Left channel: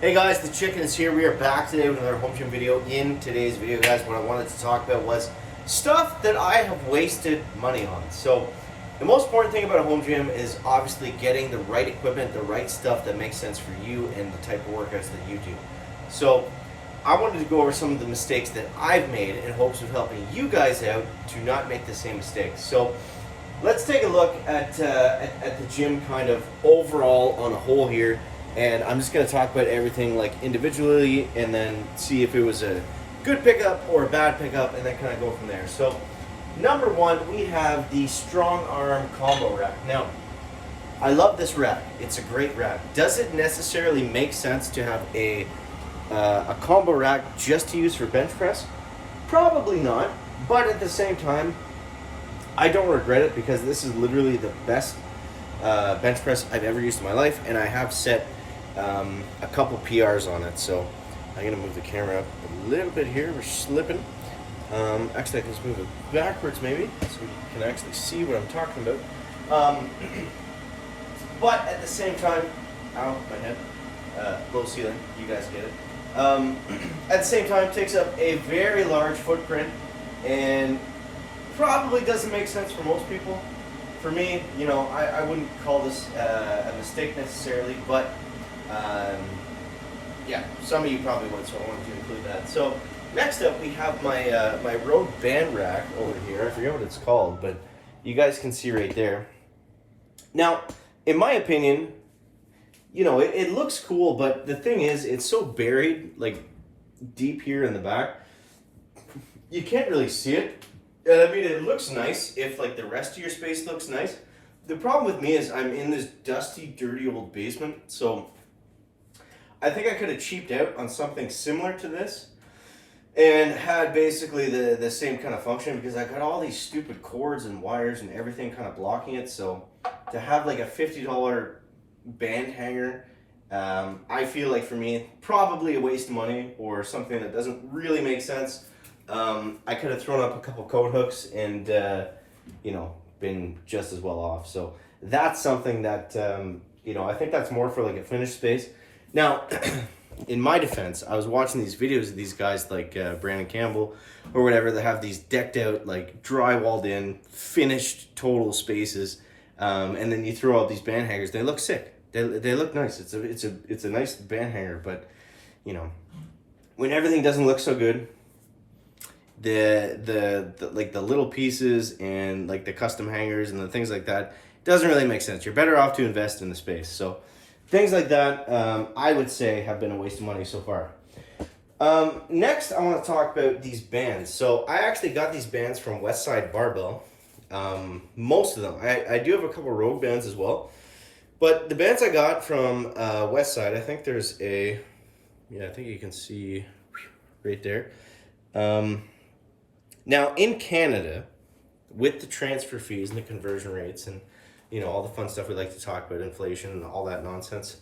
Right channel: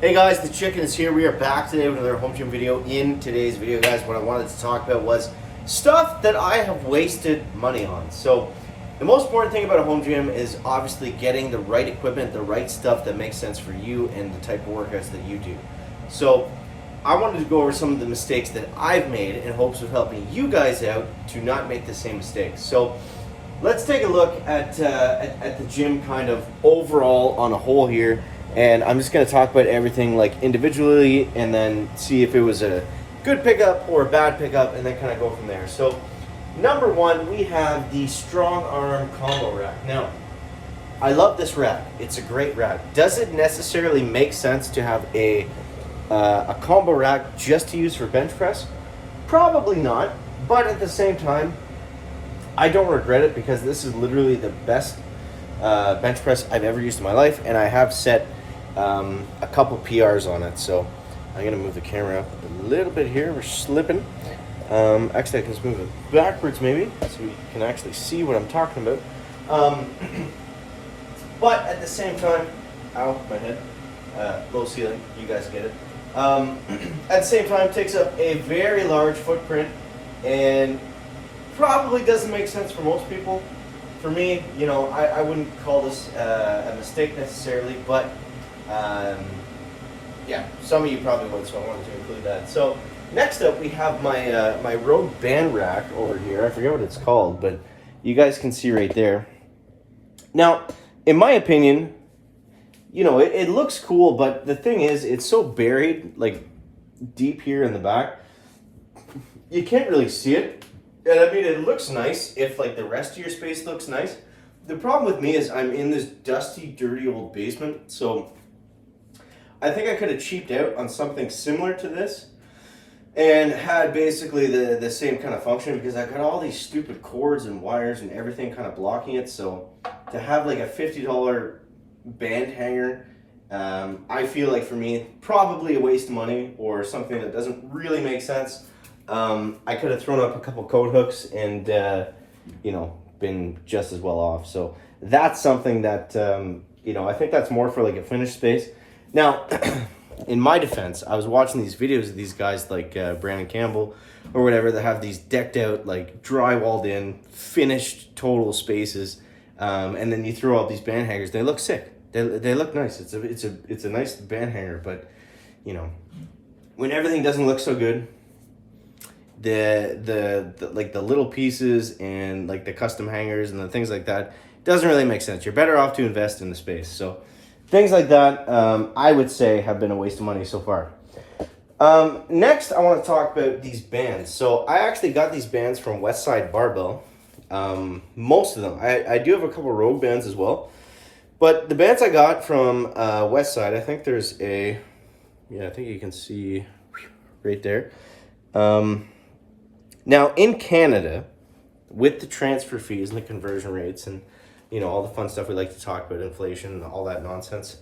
Hey guys, the chicken is here. We are back today with another home gym video. In today's video, guys, what I wanted to talk about was stuff that I have wasted money on. So the most important thing about a home gym is obviously getting the right equipment, the right stuff that makes sense for you and the type of workouts that you do. So I wanted to go over some of the mistakes that I've made in hopes of helping you guys out to not make the same mistakes. So let's take a look at the gym kind of overall on a whole here. And I'm just going to talk about everything like individually and then see if it was a good pickup or a bad pickup and then kind of go from there. So number one, we have the strong arm combo rack. Now, I love this rack. It's a great rack. Does it necessarily make sense to have a combo rack just to use for bench press? Probably not. But at the same time, I don't regret it because this is literally the best bench press I've ever used in my life, and I have set a couple PRs on it. So I'm gonna move the camera up a little bit here. We're slipping. Actually, I can just move it backwards maybe so we can actually see what I'm talking about. But at the same time, ow, my head, low ceiling, you guys get it. At the same time, it takes up a very large footprint and probably doesn't make sense for most people. For me, you know, I wouldn't call this a mistake necessarily, but yeah, some of you probably would, so I wanted to include that. So next up, we have my my Rogue band rack over here. I forget what it's called, but you guys can see right there. Now, in my opinion, you know, it looks cool, but the thing is, it's so buried, like deep here in the back, you can't really see it. And I mean, it looks nice if like the rest of your space looks nice. The problem with me is I'm in this dusty, dirty old basement. So I think I could have cheaped out on something similar to this and had basically the same kind of function, because I got all these stupid cords and wires and everything kind of blocking it. So to have like a $50 band hanger, I feel like for me, probably a waste of money or something that doesn't really make sense. I could have thrown up a couple coat hooks and, you know, been just as well off. So that's something that, you know, I think that's more for like a finished space. Now, in my defense, I was watching these videos of these guys like Brandon Campbell or whatever that have these decked out, like drywalled in, finished total spaces. And then you throw out these band hangers. They look sick. They look nice. It's a nice band hanger, but you know, when everything doesn't look so good, the like the little pieces and like the custom hangers and the things like that doesn't really make sense. You're better off to invest in the space. So things like that, I would say, have been a waste of money so far. Next, I want to talk about these bands. So I actually got these bands from Westside Barbell. Most of them. I do have a couple Rogue bands as well. But the bands I got from Westside, I think there's a, yeah, I think you can see right there. Now, in Canada, with the transfer fees and the conversion rates and, you know, all the fun stuff we like to talk about, inflation and all that nonsense,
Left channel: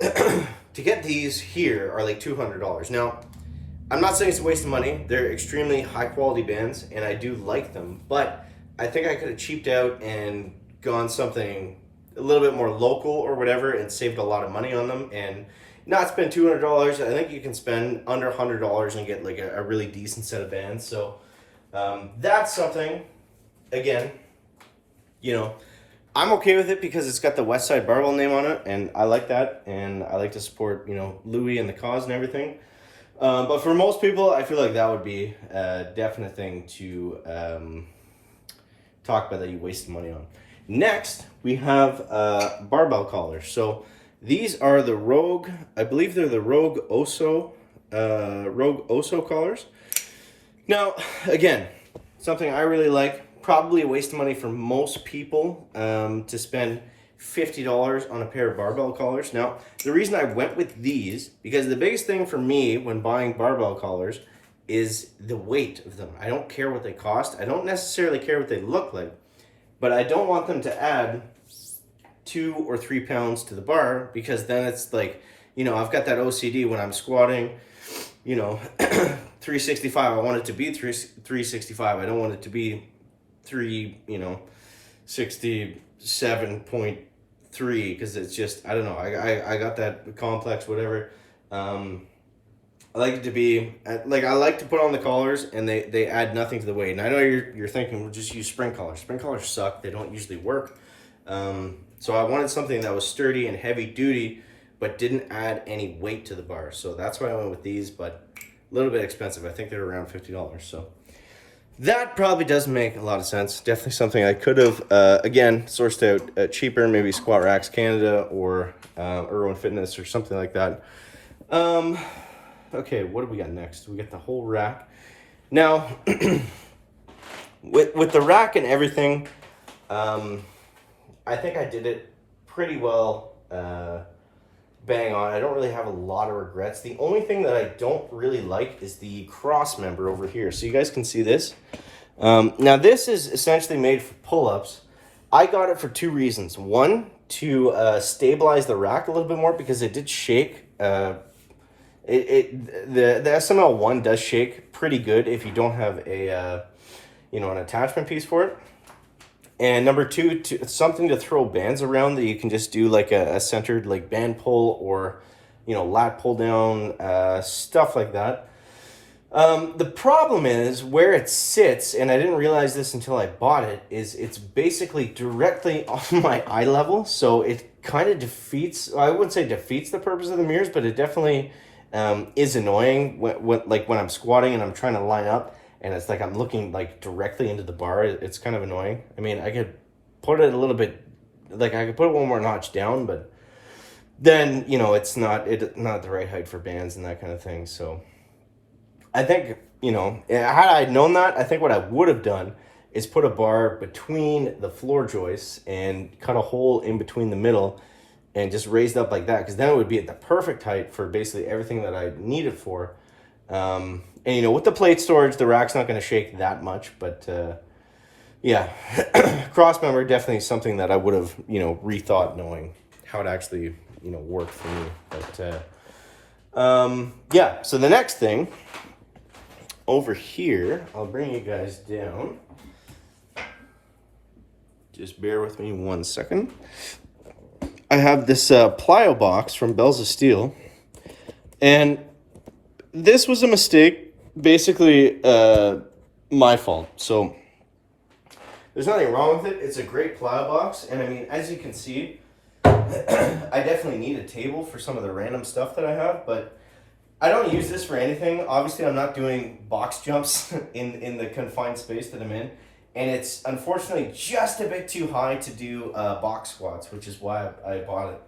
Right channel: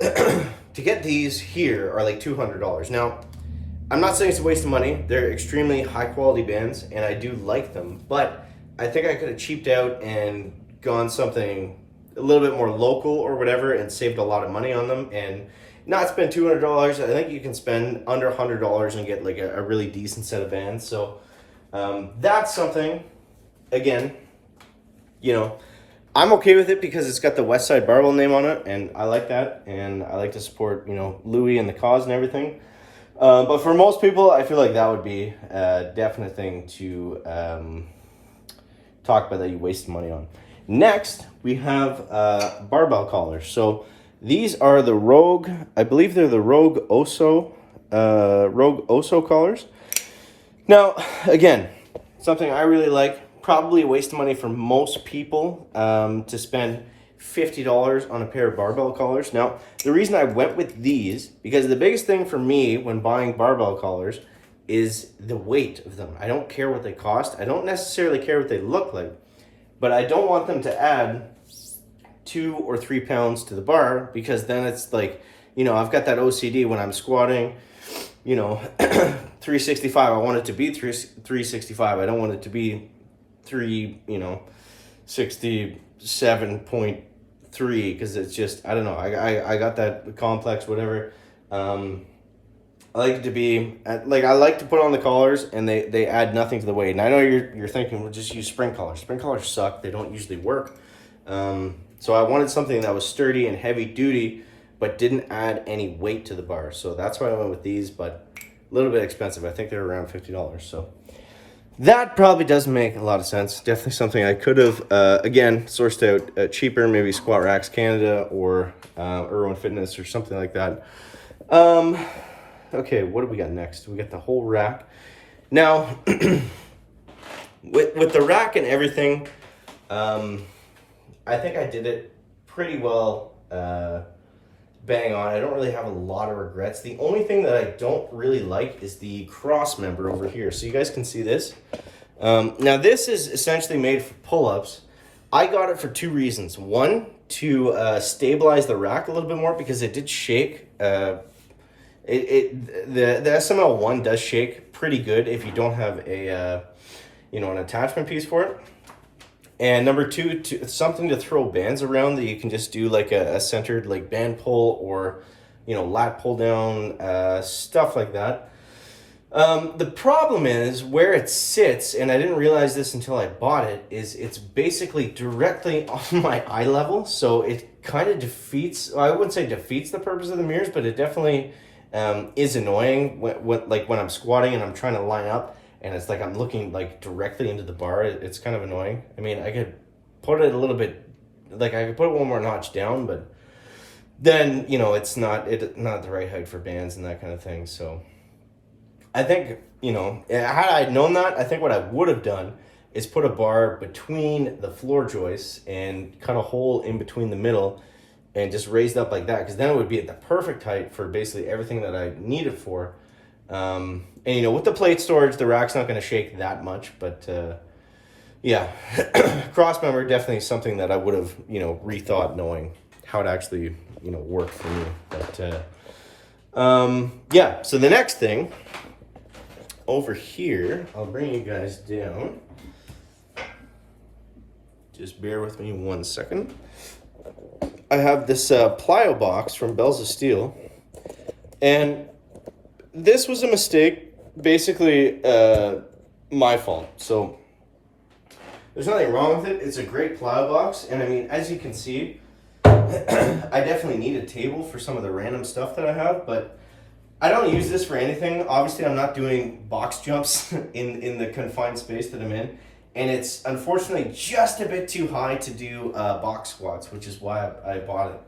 to get these here are like $200. Now, I'm not saying it's a waste of money. They're extremely high-quality bands, and I do like them, but I think I could have cheaped out and gone something a little bit more local or whatever and saved a lot of money on them and not spend $200. I think you can spend under $100 and get like a really decent set of bands. So that's something, again, you know, I'm okay with it because it's got the Westside Barbell name on it, and I like that, and I like to support, you know, Louis and the cause and everything. But for most people, I feel like that would be a definite thing to talk about that you wasted money on. Next, we have Barbell Collars. So these are the Rogue, I believe they're the Rogue Oso collars. Now, again, something I really like, probably a waste of money for most people to spend $50 on a pair of barbell collars. Now, the reason I went with these, because the biggest thing for me when buying barbell collars is the weight of them. I don't care what they cost. I don't necessarily care what they look like, but I don't want them to add 2 or 3 pounds to the bar, because then it's like, you know, I've got that OCD when I'm squatting, you know, 365. I want it to be 365. I don't want it to be 67.3 3 because it's just, I don't know, I got that complex, whatever. I like it to be, like, I like to put on the collars and they add nothing to the weight. And I know you're thinking, well, just use spring collars. Spring collars suck. They don't usually work. So I wanted something that was sturdy and heavy duty, but didn't add any weight to the bar. So that's why I went with these, but a little bit expensive. I think they're around $50. So that probably doesn't make a lot of sense. Definitely something I could have, again, sourced out cheaper, maybe Squat Racks Canada or Irwin Fitness or something like that. Okay, what do we got next? We got the whole rack. Now, with the rack and everything, I think I did it pretty well, bang on. I don't really have a lot of regrets. The only thing that I don't really like is the cross member over here. So you guys can see this. Now this is essentially made for pull-ups. I got it for 2 reasons. One, to stabilize the rack a little bit more because it did shake. The SML1 does shake pretty good if you don't have a an attachment piece for it. And number 2, something to throw bands around that you can just do like a centered like band pull or lat pull down, stuff like that. The problem is where it sits, and I didn't realize this until I bought it, is it's basically directly on my eye level. So it kind of defeats, I wouldn't say defeats the purpose of the mirrors, but it definitely is annoying when I'm squatting and I'm trying to line up and it's like I'm looking like directly into the bar. It's kind of annoying. I mean, I could put it a little bit, like I could put it one more notch down, but then, it's not the right height for bands and that kind of thing. So I think, had I known that, I think what I would have done is put a bar between the floor joists and cut a hole in between the middle and just raised up like that, because then it would be at the perfect height for basically everything that I need it for. And with the plate storage, the rack's not going to shake that much, but yeah, cross member definitely something that I would have rethought knowing how it actually worked for me. But yeah, so the next thing over here, I'll bring you guys down. Just bear with me 1 second. I have this plyo box from Bells of Steel, and this was a mistake, basically my fault. So there's nothing wrong with it. It's a great plyo box, and I mean, as you can see, I definitely need a table for some of the random stuff that I have, but I don't use this for anything. Obviously, I'm not doing box jumps in the confined space that I'm in. And it's unfortunately just a bit too high to do box squats, which is why I bought it.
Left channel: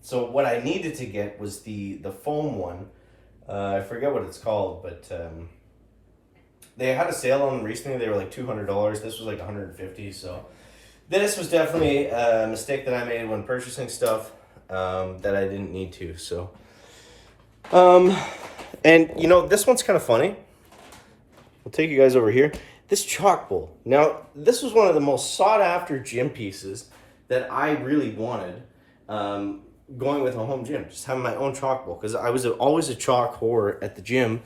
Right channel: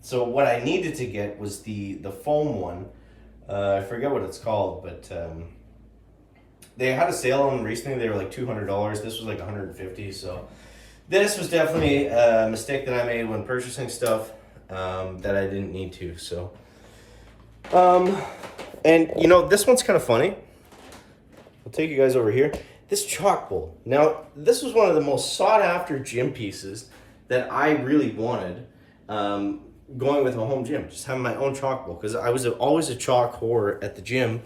So what I needed to get was the foam one. I forget what it's called, but they had a sale on them recently. They were like $200. This was like $150. So this was definitely a mistake that I made when purchasing stuff that I didn't need to. So, and this one's kind of funny. I'll take you guys over here. This chalk bowl. Now, this was one of the most sought after gym pieces that I really wanted going with a home gym, just having my own chalk bowl, because I was always a chalk whore at the gym,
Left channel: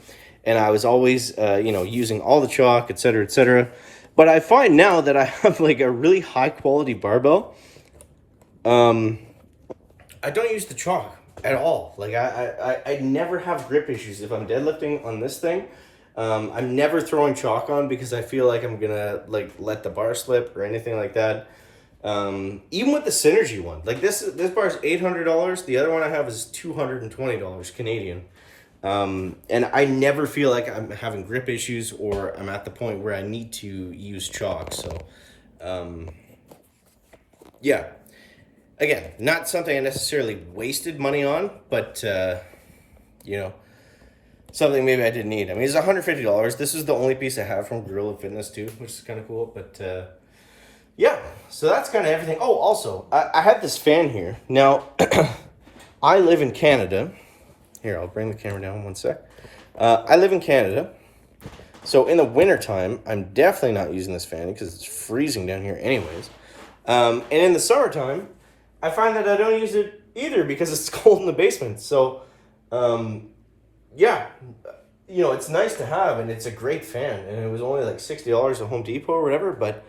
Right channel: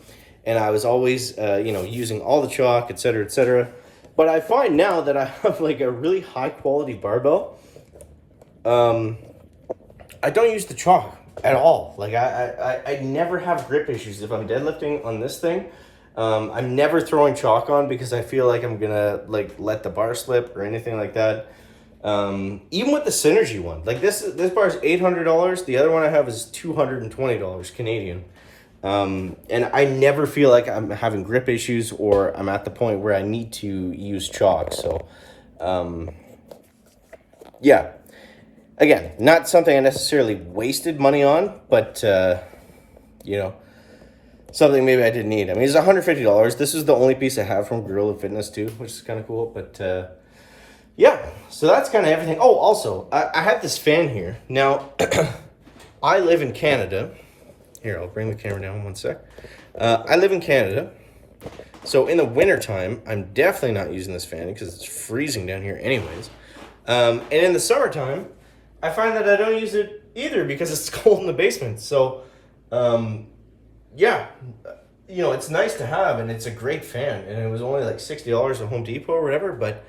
and I was always, using all the chalk, etc., etc. But I find now that I have like a really high quality barbell, I don't use the chalk at all. Like I never have grip issues if I'm deadlifting on this thing. I'm never throwing chalk on because I feel like I'm gonna let the bar slip or anything like that. Even with the Synergy one, like this bar is $800. The other one I have is $220 Canadian. And I never feel like I'm having grip issues or I'm at the point where I need to use chalk. So, yeah, again, not something I necessarily wasted money on, but, something maybe I didn't need. I mean, it's $150. This is the only piece I have from Gorilla Fitness too, which is kind of cool. But yeah, so that's kind of everything. Oh, also, I have this fan here. Now, I live in Canada. Here, I'll bring the camera down 1 sec. I live in Canada. So in the wintertime, I'm definitely not using this fan because it's freezing down here anyways. And in the summertime, I find that I don't use it either because it's cold in the basement. So, yeah, it's nice to have, and it's a great fan, and it was only like $60 at Home Depot or whatever, but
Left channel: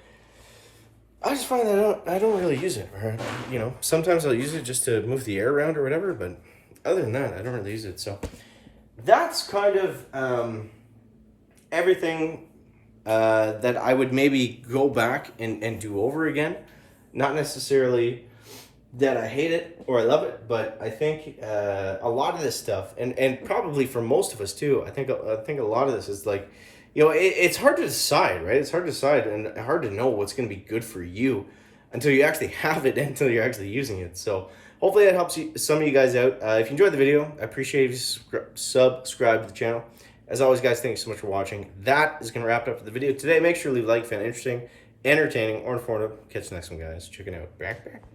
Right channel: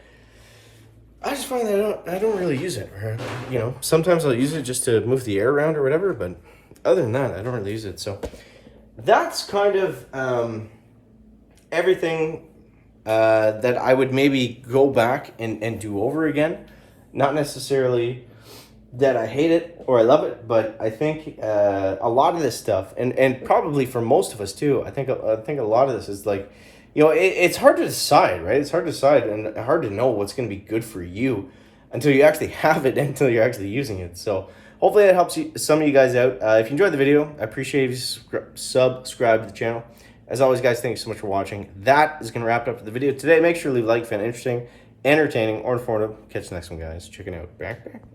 I just find that I don't really use it. Or, you know, sometimes I'll use it just to move the air around or whatever, but other than that, I don't really use it. So that's kind of everything that I would maybe go back and do over again. Not necessarily that I hate it or I love it, but I think a lot of this stuff, and probably for most of us too, I think a lot of this is like, you know, it's hard to decide, right? It's hard to decide and hard to know what's going to be good for you until you actually have it, until you're actually using it. So hopefully that helps some of you guys out. If you enjoyed the video, I appreciate if you subscribe to the channel. As always, guys, thank you so much for watching. That is going to wrap it up for the video today. Make sure to leave a like if you found it interesting, entertaining, or informative. Catch the next one, guys. Check it out. Back.